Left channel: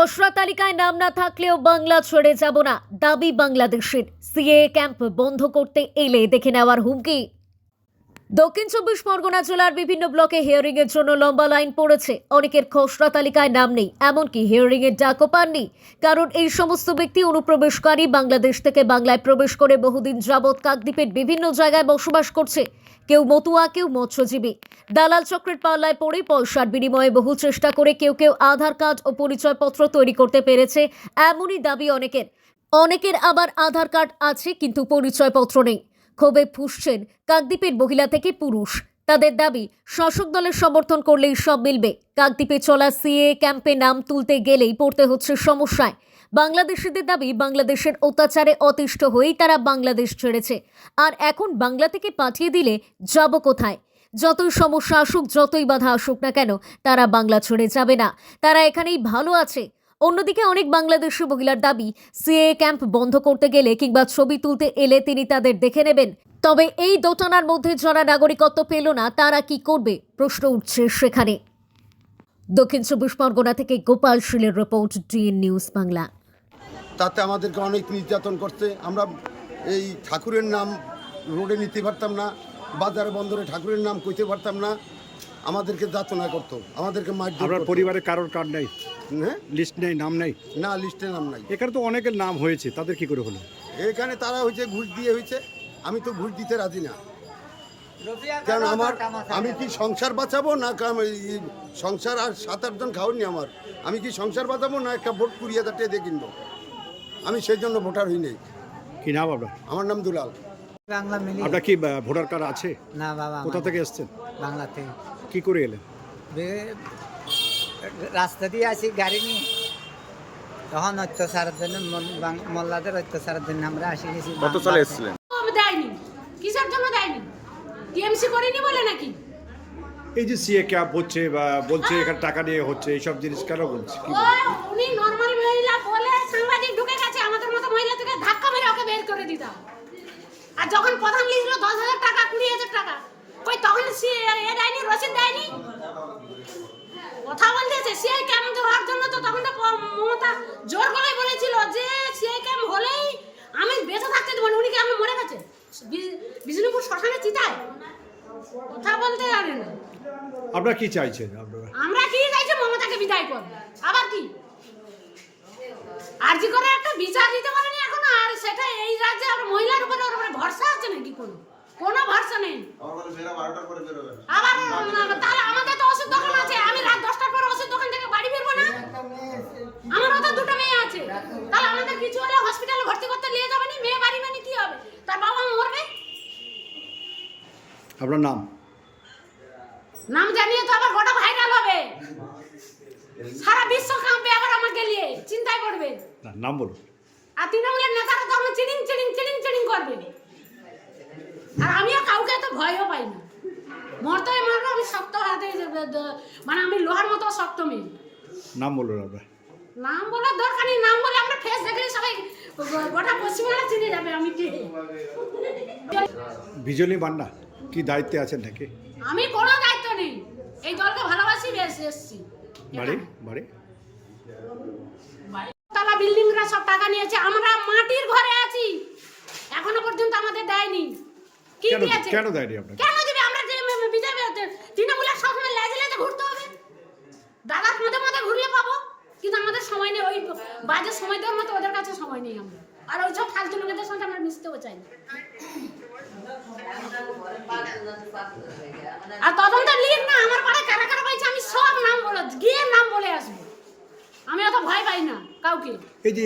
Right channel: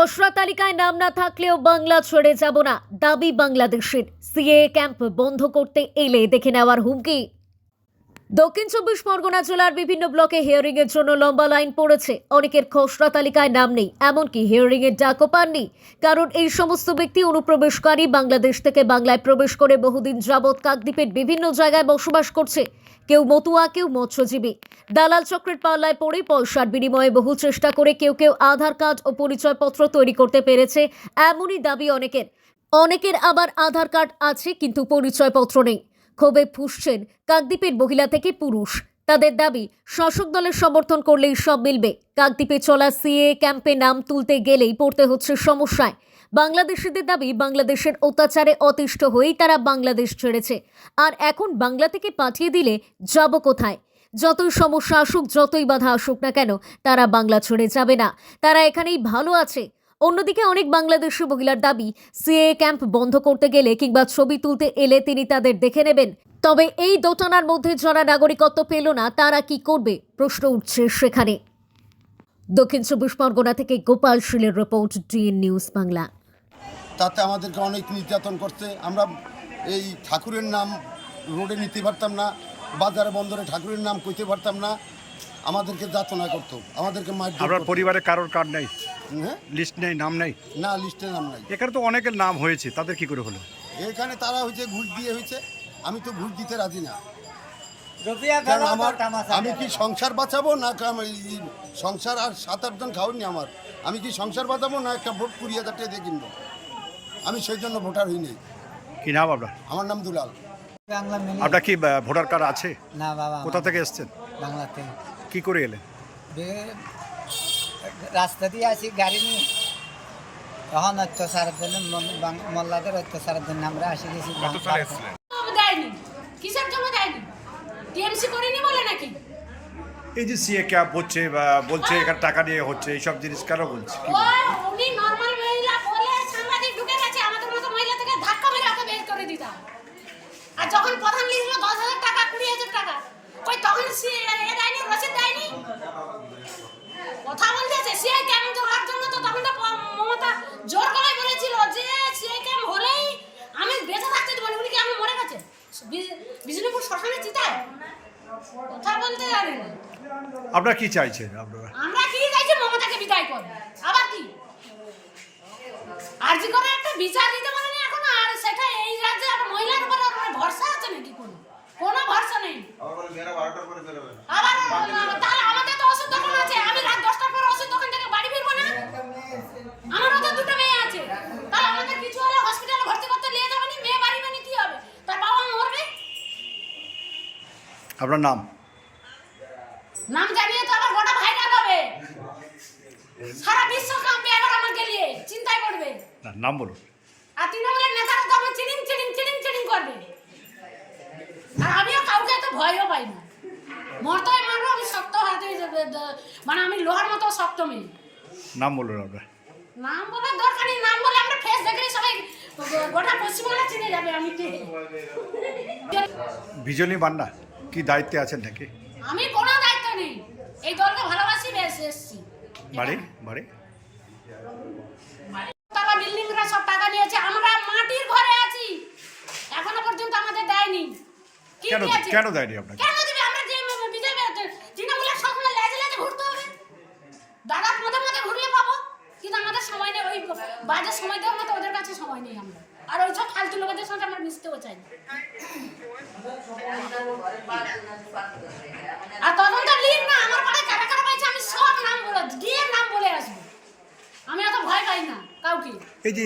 খসড়া তালিকায় নাম না থাকলেও বাংলা ছেড়ে যাব না, দাবি বাংলাদেশের। সিএএ ক্যাম্প বন্ধ করতে এলে দেখে নেওয়ার হুমকি। দক্ষিণ ২৪ পরগনা জেলার বিভিন্ন ব্লকে হিয়ারিং এর জন্য লম্বা লাইন পড়েছে। অনেকের খসড়া তালিকায় নাম নেই, এমনকি হিয়ারিং এর ডাকও পাননি। কারণ এই সমস্ত ব্যক্তি অনুপ্রবেশকারী, বাংলাদেশ থেকে বাংলায় প্রবেশ করে বহুদিন যাবৎ কাকদ্বীপের বিভিন্ন জায়গায় বসবাস করছে। কেউ মতুয়া, কেউ মৎস্যজীবী। দালাল চক্রের পাল্লায় পড়ে পয়সার বিনিময়ে বহু চেষ্টা করে কেউ কেউ আধার কার্ড ও পরিচয়পত্র তৈরি করতে পেরেছে, এমনই দাবি অনেকের। অনেকের আবার আধার কার্ড আছে কিন্তু পরিচয়পত্র নেই। ক্ষোভে ফুঁসছেন কাকদ্বীপের মহিলা থেকে পুরুষ। তাদের দাবি, শাসক দলের সমর্থন করলেই সব মিলবে। কাকদ্বীপে চলা সিএএ ক্যাম্পে নাম তুলতে গেলেই পড়তে হচ্ছে সমস্যায়। বাংলাদেশিদের দাবি, বাংলাদেশের অত্যাচারে অতিষ্ঠ হয়েই তারা বাংলাদেশ ছেড়েছে। আর এখন বাংলা থেকে পাঠিয়ে দিলে যাব কোথায়? যতই সমস্যা আসুক, যতই বাধা আসুক না কেন, তারা বাংলা ছেড়ে যাবে না। তারা এখানেই ভালো আছে। অন্যদিকে অনেক বাংলাদেশি মহিলার দাবি, সিএএ ক্যাম্প বন্ধ করতে গেলে কিংবা ছবি তুলতে এলে তিনি তাদের দেখে নেবেন। তবে এই দোটানার মধ্যে যারা নাগরিকত্ব পেল না, তারা কি করবে? প্রশ্ন উঠছে সেখানে। দক্ষিণ ২৪ পরগনা থেকে গোপাল শীলের রিপোর্ট, ডিএন নিউজ বাংলা। তাতে আমাদেরকে অনেক নির্যাতন করছে। আমরা এই ঠাকুরের নাম রোডে নিতে পারতাম না, বাজারে বন্দরে ঠাকুরের নাম কইতে পারতাম না। আমাদেরকে যাতনা করতো, আমাদেরকে মারধর আপনার করতো। পরিবারে কারোর কার্ড নেই, হ্যাঁ, লিস্ট নেই, নাম নেই? না, লিস্টে নাম নাই। এখানে তো অনেকের নাম হয়েছে, তাদের কি করে হলো? এখানে তারা হয়েছে ঘুষ দিয়ে হয়েছে। আমি তো ঘুষ দিতে রাজি না, কারণ আমি কি সংসার বাঁচাবো না? সংসার আর ৭-৮ জন খাওয়ানি আমার। আমি কি সংসার বাঁচাবো না একটা ভোট ২০,০০০ টাকা দিয়ে কিনবো? আমি সেই জন্য ভোটার হই নাই। কি নাম আপনার? আমার নাম দুলাল। আপনার কি ভোটার কার্ড আছে? না বাবা, কোথা থেকে এসেছেন? বাংলা থেকে। কি করে এলেন? রাস্তা দিয়ে আসি গাড়ি নিয়ে, তখন অত্যাচারের জন্য মোল্লাদের অত্যাচারের জন্য আমরা আসি গেছি। দেয়নি, কিসের জন্য দেয়নি? টিএমসি করেনি বলে নাকি? এই যে সিএ ক্যাম্প হচ্ছে বা বলছে এখানে টাকা নিয়ে হচ্ছে, এইসব জিনিস কেন বলছে? কি বলছে? উনি নর্মাল মহিলা বলে সাংবাদিক ঢুকে গেছে, আমাদের মতো মহিলা থেকে ধাক্কা মেরে ওকে বের করে দিতাম। আর যখন প্রধান লিখলো ১০,০০০ টাকা, ২০,০০০ টাকা, কই তখন এ দেয়নি, রসিদ দেয়নি। কথা বলতেছে সিআই ক্যাম্প হওয়ার জন্য, তো তখন তো মমতা জোর গলায় বলেছিল যে সিআই ক্যাম্প হলেই আমি বেঁচে থাকতে দেবো না। উনি কি আমি মরে গেছে বিষ্ণুপুর শ্মশানে চিতায়? কথা বলতে জানে না। আপনারা কি চাইছেন? আপনারা আমরা কি চাইছি? মমতাকে বিদায় কর। আবার কি আরজি করে একটা বিচার দিতে পারেনি এখন? আর সেটা এই রাজ্যে আর মহিলার উপরে ভরসা আছে নাকি? কোনো ভরসা নেই। আবার তাহলে আমাদের তো ওষুধ দোকান আছে, আমি রাত 10টার পর ওষুধ দোকান থেকে বাড়ি ফিরবো না? আমারও তো দুটো মেয়ে আছে, তাহলে আমাদের কিছু হলে হসপিটালে ভর্তি করতে নিয়ে যাবে না? মেয়ে বাড়ি মানে কি হবে? তার বাবা মরবে। আপনার নাম? নাম জানিয়ে তো আবার গোটা ভাইরাল হবে, সারা বিশ্ব কাঁপবে, আবার আমাকে নিয়ে চিন্তায় পড়বে। না, নাম বলুন। আর তৃণমূলের নেতারা তো আমার চিলিং চিলিং চিলিং চিলিং করবে। আর আমিও কাউকে এত ভয়ও পাই না। মরতেই মারবো, আমি শক্ত হাতে, মানে আমি লোহার মতো শক্ত মেয়ে। নাম বলুন আপনার। নাম বলার দরকার নেই, নাম বলে আমরা ফেস দেখলে সবাই গোটা পশ্চিমবাংলা চিনে যাবে আমি কে। বিজলি মান্না কি দায়িত্বে আছেন নাকি? আমি কোনো দায়িত্ব নেই, এই দলকে ভালোবাসি, বেশ এসছি। বাড়ি বাড়ি তালা বিল্ডিংরা সব টাকা নিয়েছে, আমরা মাটির ঘরে আছি, এখনো পর্যন্ত আমাদের দেয়নি। কি কেন দিয়েছে? কেন দেয়নি আপনাকে? কেন দিবে? আমরা যে বিজেপি তৃণমূলের সবসময় লেজে লেজে ঘুরতে হবে, দাদার মধ্যে মধ্যে ঘুরলে পাবো, কিন্তু আমাদের সময় নেই। ওই বাজে সময় দেওয়ার মতো ওদের কাছে সময় নেই। আমরা আর ওই সব ফালতু লোকেদের সাথে আমরা মিশতেও চাই না। আর তদন্ত লিখ না, আমার পাড়ায় কারা কারা পাইছে আমি সব নাম বলে গিয়ে নাম বলে আসবো। আমি অত ভয় পাই না কাউকে। এই যে